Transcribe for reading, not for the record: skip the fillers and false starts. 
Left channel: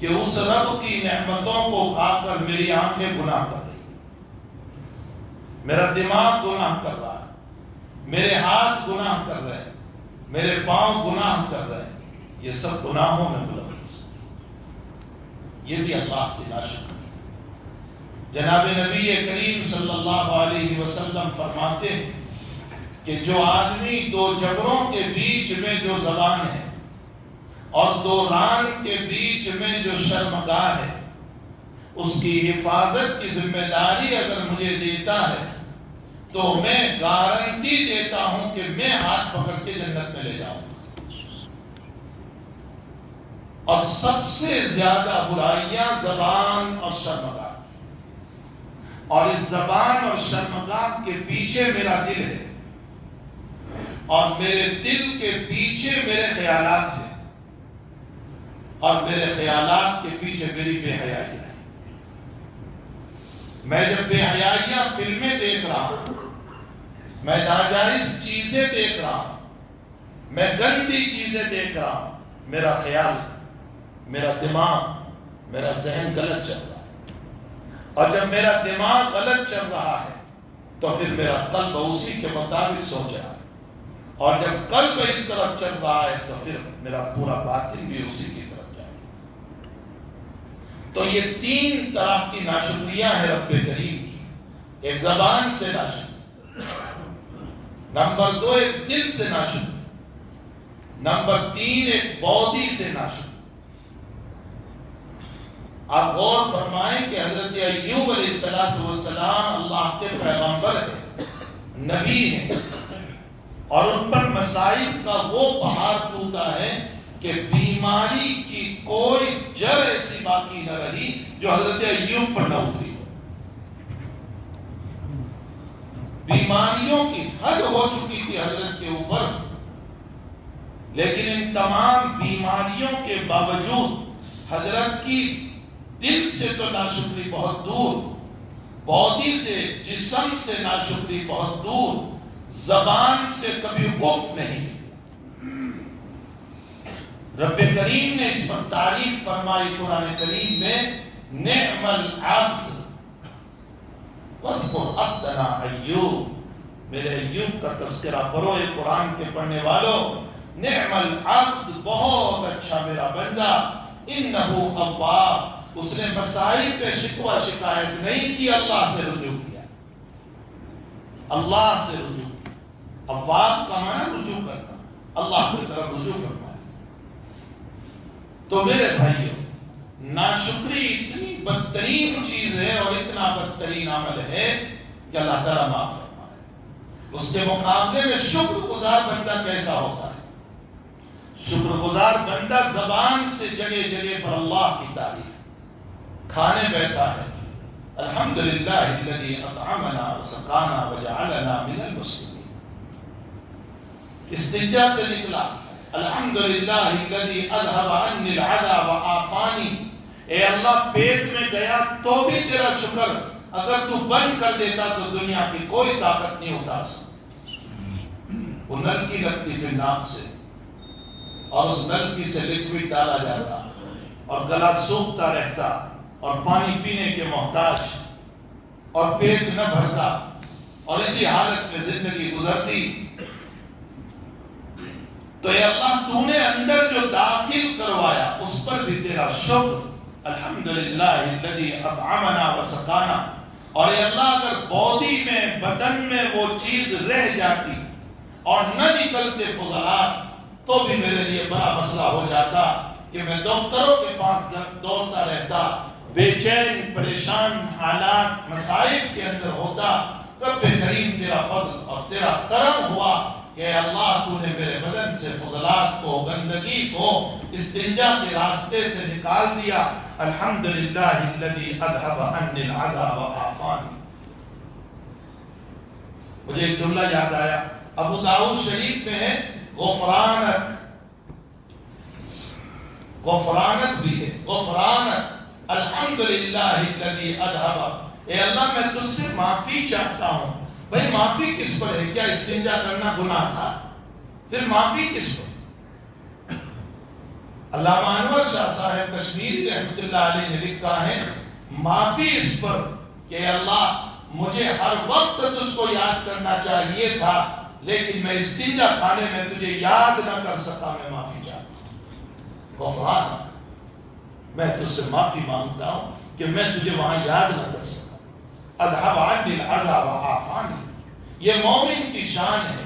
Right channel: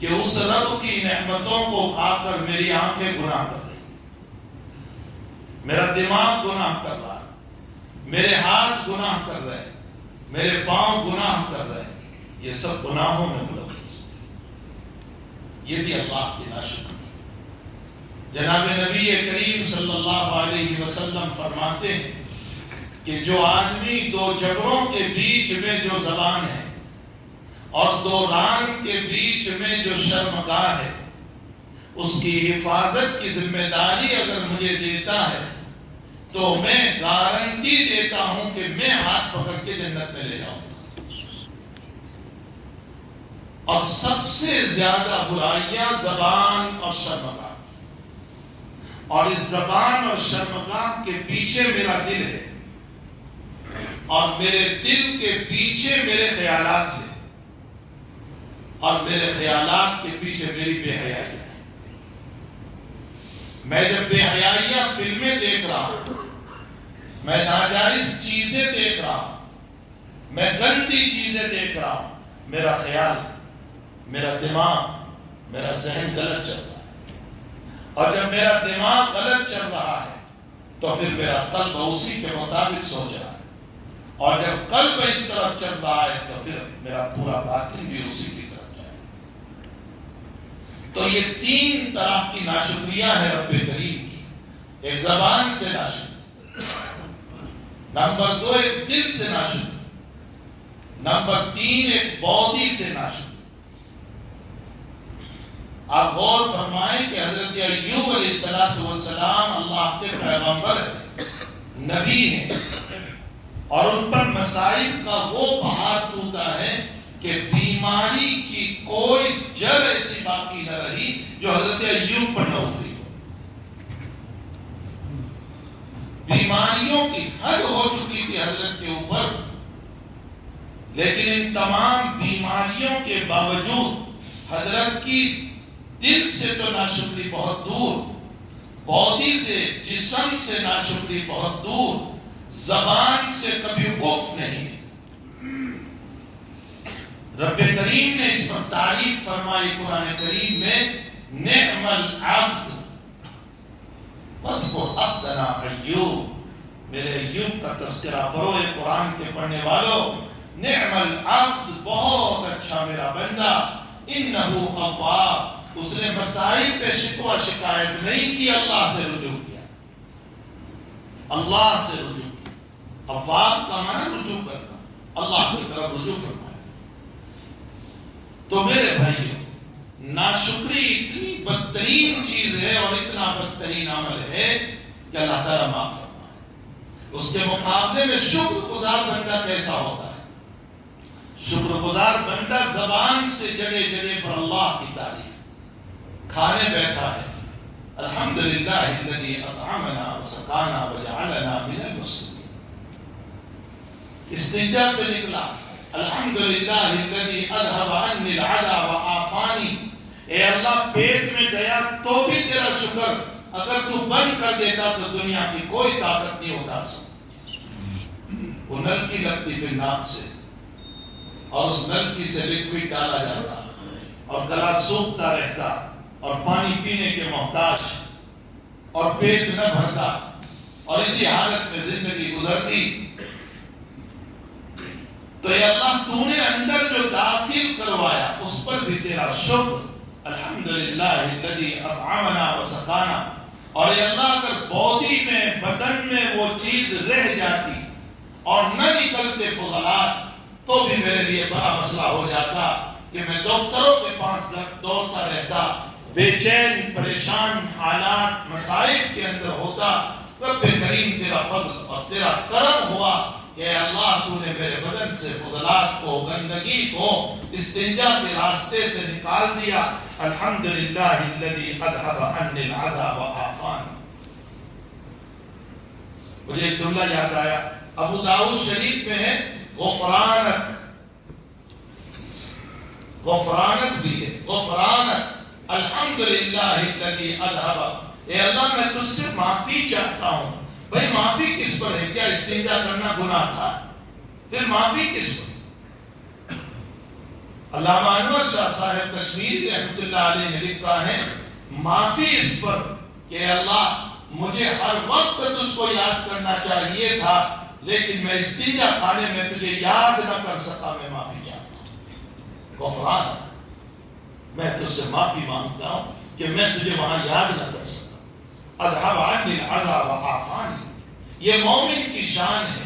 کہ اس رب کی نعمتوں کو کھا کر میری آنکھیں گناہ کر رہی ہیں، میرا دماغ گناہ کر رہا ہے، میرے ہاتھ گناہ کر رہے ہیں، میرے پاؤں گناہ کر رہے ہیں، یہ سب گناہوں میں ملوث، یہ بھی اللہ کی ناشکری۔ جناب نبی کریم صلی اللہ علیہ وسلم فرماتے ہیں کہ جو آدمی دو جبروں کے بیچ میں جو زبان ہے اور دو ران کے بیچ میں جو شرمگاہ ہے، اس کی حفاظت کی ذمہ داری اگر مجھے دیتا ہے تو میں گارنٹی دیتا ہوں کہ میں ہاتھ پکڑ کے جنت میں لے جاؤں گا۔ اور سب سے زیادہ برائیاں زبان اور شرمگاہ، اور اس زبان اور شرمگاہ کے پیچھے میرا دل ہے، اور میرے دل کے پیچھے میرے خیالات ہیں، اور میرے خیالات کے پیچھے میری بے حیائی ہے۔ میں جب بے حیائیاں فلمیں دیکھ رہا ہوں، میں ناجائز چیزیں دیکھ رہا ہوں، میں گندی چیزیں دیکھ رہا ہوں، میرا خیال، میرا دماغ، میرا ذہن غلط چل رہا ہے۔ اور جب میرا دماغ غلط چل رہا ہے تو پھر میرا قلب اسی کے مطابق سوچ رہا ہے، اور جب قلب اس طرف چل رہا ہے تو پھر میرا پورا باطن بھی اسی کی طرف جائے گا۔ تو یہ تین طرح کی ناشکریاں ہیں رب کریم کی۔ ایک زبان سے ناشکری، نمبر دو ایک دل سے ناشکری، نمبر تین ایک باڈی سے ناشکری۔ آپ غور فرمائیں کہ حضرت ایوب علیہ السلام اللہ کے پیغمبر ہیں، نبی ہیں، اور ان پر مصائب کا وہ پہاڑ ٹوٹا ہے کہ بیماری کی کوئی جڑ ایسی باقی نہ رہی جو حضرت ایوب پر نہ اتری۔ بیماریوں کی حد ہو چکی تھی حضرت کے اوپر، لیکن ان تمام بیماریوں کے باوجود حضرت کی دل سے تو ناشکری بہت دور، باڈی سے، جسم سے ناشکری بہت دور، زبان سے کبھی اف نہیں۔ رب کریم نے اس پر تعریف فرمائی قرآن کریم میں، نعم العبد واذکر عبدنا ایوب۔ میرے ایوب کا تذکرہ کرو اے قرآن کے پڑھنے والوں، نعم العبد، بہت اچھا میرا بندہ، انہ اواب، اس نے مسائل پہ شکوہ شکایت نہیں کی، اللہ سے رجوع کیا، اللہ سے رجوع کیا۔ اواب کا معنی رجوع کرنا، اللہ کی طرف رجوع فرمایا۔ تو میرے بھائیو، ناشکری اتنی بدترین چیز ہے اور اتنا بدترین عمل ہے کہ اللہ تعالیٰ معاف فرمائے۔ اس کے مقابلے میں شکر گزار بندہ کیسا ہوتا ہے؟ شکر گزار بندہ زبان سے جگہ جگہ پر اللہ کی تعریف، کھانے بیٹھا ہے الحمدللہ الذی اطعمنا وسقانا وجعلنا من المسلمین، استنجا سے نکلا الحمدللہ الذی اذهب عنی العدی وعافانی، اے اللہ پیٹ میں گیا تو بھی تیرا شکر، اگر تو بند کر دیتا تو دنیا کی کوئی طاقت نہیں اٹھا سکتی۔ وہ نلکی لگتی پھر ناک سے، اور اس نلکی سے لکوڈ ڈالا جاتا اور گلا سوکھتا رہتا اور پانی پینے کے محتاج، اور پیٹ نہ بھرتا، اور اسی حالت میں زندگی گزرتی۔ تو اے اللہ تو نے اندر جو داخل کروایا اس پر بھی تیرا شکر، الحمدللہ الذی اطعمنا وسقانا۔ اور اے اللہ اگر باڈی میں، بدن میں وہ چیز رہ جاتی اور نہ نکلتے فضلات تو بھی میرے لیے بڑا مسئلہ ہو جاتا کہ میں ڈاکٹروں کے پاس دوڑتا رہتا، بے چین پریشان حالات مسائل کے اندر ہوتا۔ رب کریم تیرا فضل اور تیرا کرم ہوا کہ اللہ تو نے میرے بدن سے فضلات کو، گندگی کو استنجا کے راستے سے نکال دیا، الحمدللہ الذی اذهب عنی العدی وعافانی۔ مجھے ایک جملہ یاد آیا، ابو داؤد شریف میں ہے، غفرانک، غفرانک بھی ہے، غفرانک الحمدللہ الذی اذهب، اے اللہ میں تجھ سے معافی چاہتا ہوں۔ بھئی معافی کس پر ہے؟ کیا استنجا کرنا گناہ تھا؟ پھر معافی کس پر؟ علامہ انور شاہ صاحب کشمیری رحمۃ اللہ علیہ نے لکھا ہے معافی اس پر کہ اللہ مجھے ہر وقت تجھ کو یاد کرنا چاہیے تھا، لیکن میں استنجا خانے میں تجھے یاد نہ کر سکا، میں معافی چاہتا ہوں، غفران، میں تجھ سے معافی مانگتا ہوں کہ میں تجھے وہاں یاد نہ کر سکا۔ اذهب عني العزا وعافانی، یہ مومن کی شان ہے